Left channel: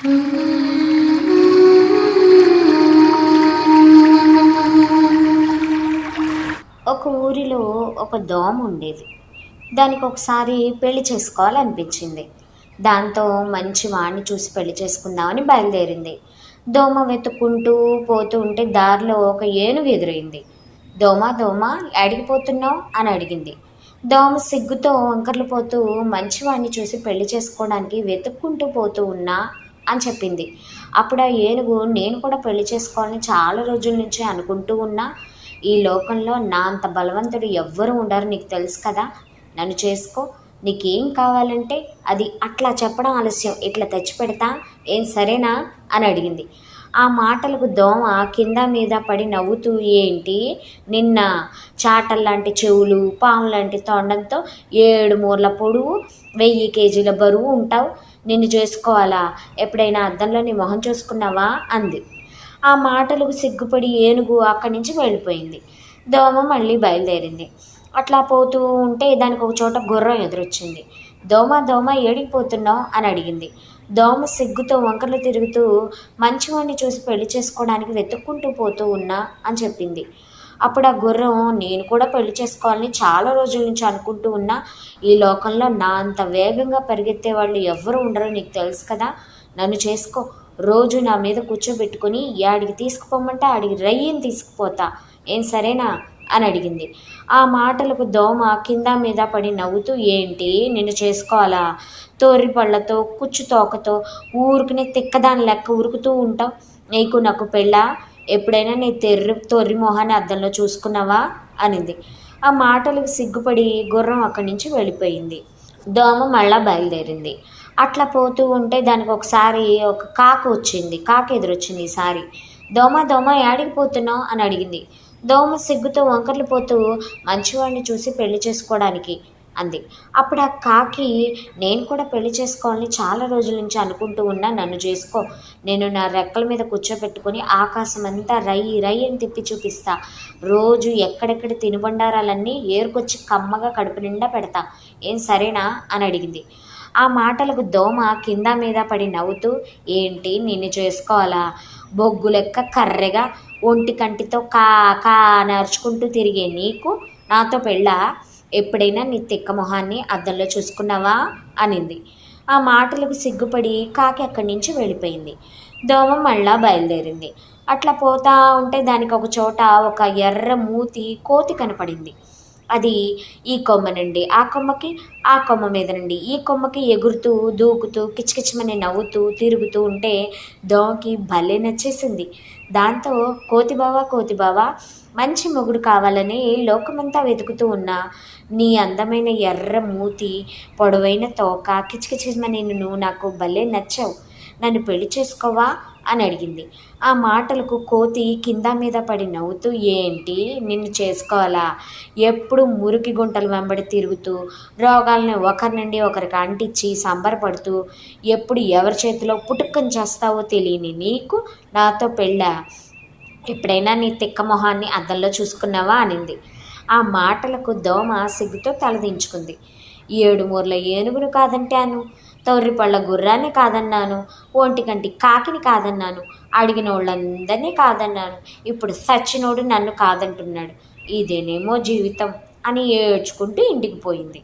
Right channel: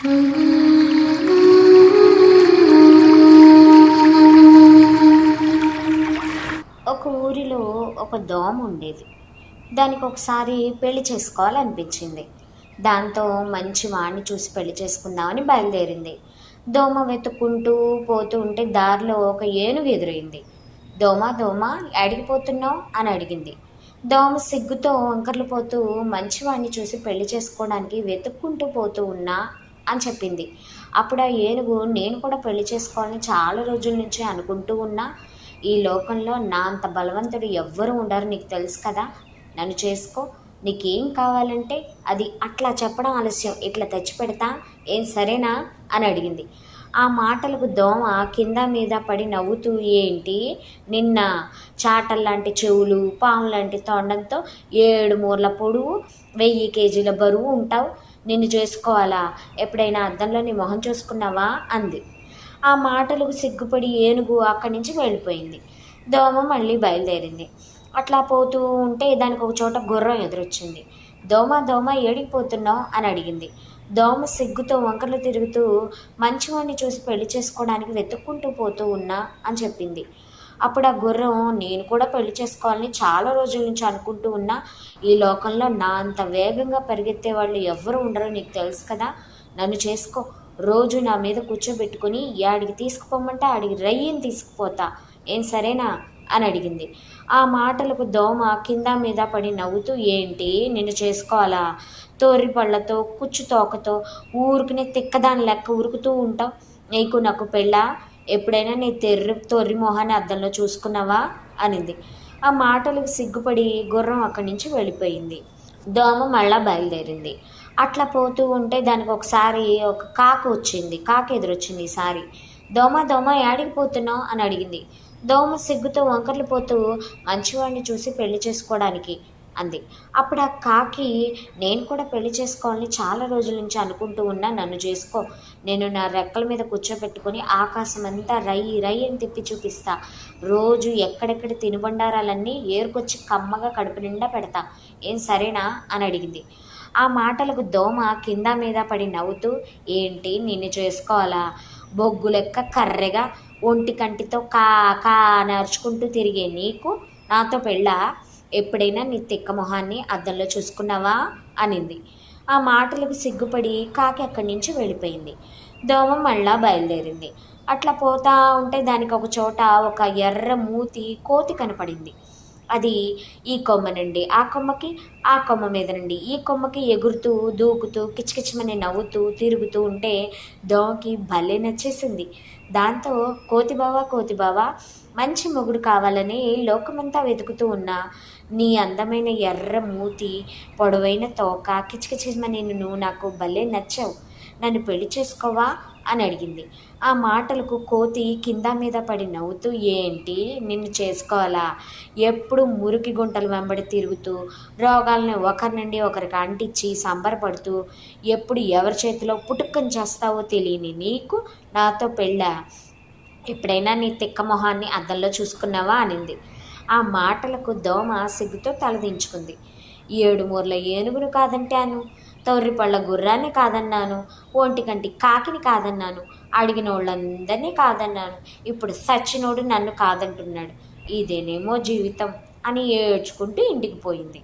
ఒక ఊరిలో ఒక దోమ ఉండేది. దానికి ఒకసారి పెళ్ళి చేసుకోవాలనిపించింది. దాంతో మంచి వాడిని చూసి పెళ్ళి చేసుకుందామని బయలుదేరింది. దోమ వెతుక్కుంటూ పోతూ ఉంటే దారిలో ఒక ఏనుగు ఎదురైంది. దోమ దోమ అడిగిపోతున్నావు? అని అడిగింది. దోమ సిగ్గుతో వంకర్లు పోతూ మంచివాడిని చూసి పెళ్ళి చేసుకోవడానికి వెతుక్కుంటూ పోతూ ఉన్నా అని చెప్పింది. అప్పుడు ఆ ఏనుగు నేను కూడా పెళ్ళి చేసుకోవాలని చాలా రోజుల నుంచి అనుకుంటూ ఉన్నా ఈ లోకంలో నా అంత బలవంతుడు ఎవ్వరూ ఉండరు నీకు తెలుసు కదా. నన్ను చేసుకో. నీకేం కావాలంటే అది. అట్లా చెప్పడం ఆలస్యం. ఇట్లా తెచ్చిపెడతా. ఏం సరేనా? అని అడిగింది. ఆ మాటలకు దోమ కింద మీద పడి నవ్వుతూ ఏంటి? నిన్న చాటల్లాంటి చెవులు పాము లాంటి తొండంతో ఏడు మూర్ల పొడువు వెయ్యి కేజీల బరువు ఉంటావు. నిన్ను చేసుకోవాలా? ఎప్పుడైనా అద్దంలో నీ మొహం చూసుకున్నావా? అంది. ఆ మాటలకు సిగ్గుపడి ఏనుగు అక్కడి నుంచి వెళ్ళిపోయింది. దోమ మళ్ళీ బయలుదేరింది. అట్లా పోతూ ఉంటే దానికి ఒక చోట గుర్రం ఎదురొచ్చింది. దోమ దోమ ఏడిపోతున్నావు అని అడిగింది. దోమ సిగ్గుతో వంకర్లు తిరుగుతూ మంచివాడిని చూసి పెళ్ళి చేసుకోవడానికి వెతుక్కుంటూ పోతూ ఉన్నా అని చెప్పింది. అప్పుడు ఆ గుర్రం నేను కూడా పెళ్ళి చేసుకోవాలని చాలా రోజుల నుంచి అనుకుంటూ ఉన్నా ఈ లోకంలో నా అంత వేగంగా పరిగెత్తే వాళ్ళు ఎవ్వరు ఉండరో నీకు తెలుసు కదా. నన్ను చేసుకో. రోజు నా మీద కూర్చోబెట్టుకుని ఆడికి తీసుకుపోమంటే ఆడికి రయ్యని తీసుకుపోతా. ఏం సరేనా? అని అడిగింది. ఆ మాటలకు దోమ కింద మీద పడి నవ్వుతూ ఏంటి? నిన్ను చేసుకోవాలా? తోరి పళ్ళతో కుచ్చు తోకతో ఊరుకునే తిక్కదాని లెక్క ఉరుకుతూ ఉంటావు? నీకు నాకు పెళ్ళా? ఎప్పుడైనా నీ తెర్రి తొర్రి మొహాన్ని అద్దంలో చూసుకున్నావా? అనింది. ఆ మాటలకు సిగ్గుపడి గుర్రం అక్కడి నుంచి వెళ్ళిపోయింది. దోమ మళ్ళా బయలుదేరింది. అట్లా పోతూ ఉంటే దానికి ఒకసారి ఒక కాకి వచ్చింది. కాకి ఎదురొచ్చింది ఈసారి దోమ దోమ ఏడికి పోతున్నావు అని అడిగింది. దోమ సిగ్గుతో వంకర్లు పోతూ మంచివాడిని చూసి పెళ్ళి చేసుకోవడానికి అంది. అప్పుడు ఆ కాకి నేను కూడా పెళ్ళి చేసుకోవాలని చాలా రోజుల నుంచి అనుకుంటూ ఉన్నా నన్ను చేసుకో. నేను నా రెక్కల మీద కూర్చోబెట్టుకొని ఆకాశం అంతా రయ్యి రయ్యి అని తిప్పి చూపిస్తా. రోజు ఎక్కడెక్కడ తినుబండారాలన్నీ ఏరుకొచ్చి కమ్మగా కడుపు నిండా పెడతా. ఏం సరేనా? అని అడిగింది. ఆ మాటలకు దోమ కింద మీద పడి నవ్వుతూ ఏంటి నిన్ను చేసుకోవాలా? బొగ్గు లెక్క కర్రెగా ఒంటి కంటితో కా కా నరుచుకుంటూ తిరిగే నీకు నాతో పెళ్ళా? ఎప్పుడైనా నీ తిక్క మొహాన్ని అద్దంలో చూసుకున్నావా? అనింది. ఆ మాటలకు సిగ్గుపడి కాకి అక్కడి నుంచి వెళ్ళిపోయింది. దోమ మళ్ళా బయలుదేరింది. అట్లా పోతా ఉంటే దానికి ఒక చోట ఒక ఎర్ర మూతి కోతి కనపడింది. అది ఈ కొమ్మ నుండి ఆ కొమ్మకి ఆ కొమ్మ మీద నుండి ఈ కొమ్మకి ఎగురుతూ దూకుతూ కిచకిచమని నవ్వుతూ తిరుగుతూ ఉంటే దోమకి భలే నచ్చేసింది. దాంతో కోతి బావా కోతి బావా మంచి మొగుడు కావాలని లోకమంతా వెతుకుతూ ఉన్నా నీ అందమైన ఎర్ర మూతి పొడవైన తోక కిచకిచమని నువ్వు నాకు భలే నచ్చావు. నన్ను పెళ్ళి చేసుకోవా? అని అడిగింది. ఆ మాటలకు కోతి కింద మీద పడి నవ్వుతూ ఏంటి? నిన్ను చేసుకోవాలా? ఎప్పుడు మురికి గుంటలు వెంబడి తిరుగుతూ రోగాలను ఒకరి నుండి ఒకరికి అంటించి సంబరపడుతూ ఎప్పుడు ఎవరి చేతిలో పుట్టుకని చేస్తావో తెలియని నీకు నాతో పెళ్ళా? ఎప్పుడైనా నీ తిక్క మొహాన్ని అద్దంలో చూసుకున్నావా? అనింది. ఆ మాటలకు దోమ సిగ్గుతో తలదించుకుంది. ఏడు మూరల ఏనుగును కాదంటాను. తొర్రి పళ్ళ గుర్రాన్ని కాదన్నాను ఒంటికంటి కాకిని కాదన్నాను అడిగిన వాళ్ళందరినీ కాదన్నాను. ఇప్పుడు సచ్చినోడు నన్ను కాదంటున్నాడు. ఇదేనేమో జీవితం అని ఏడ్చుకుంటూ ఇంటికి పోయింది.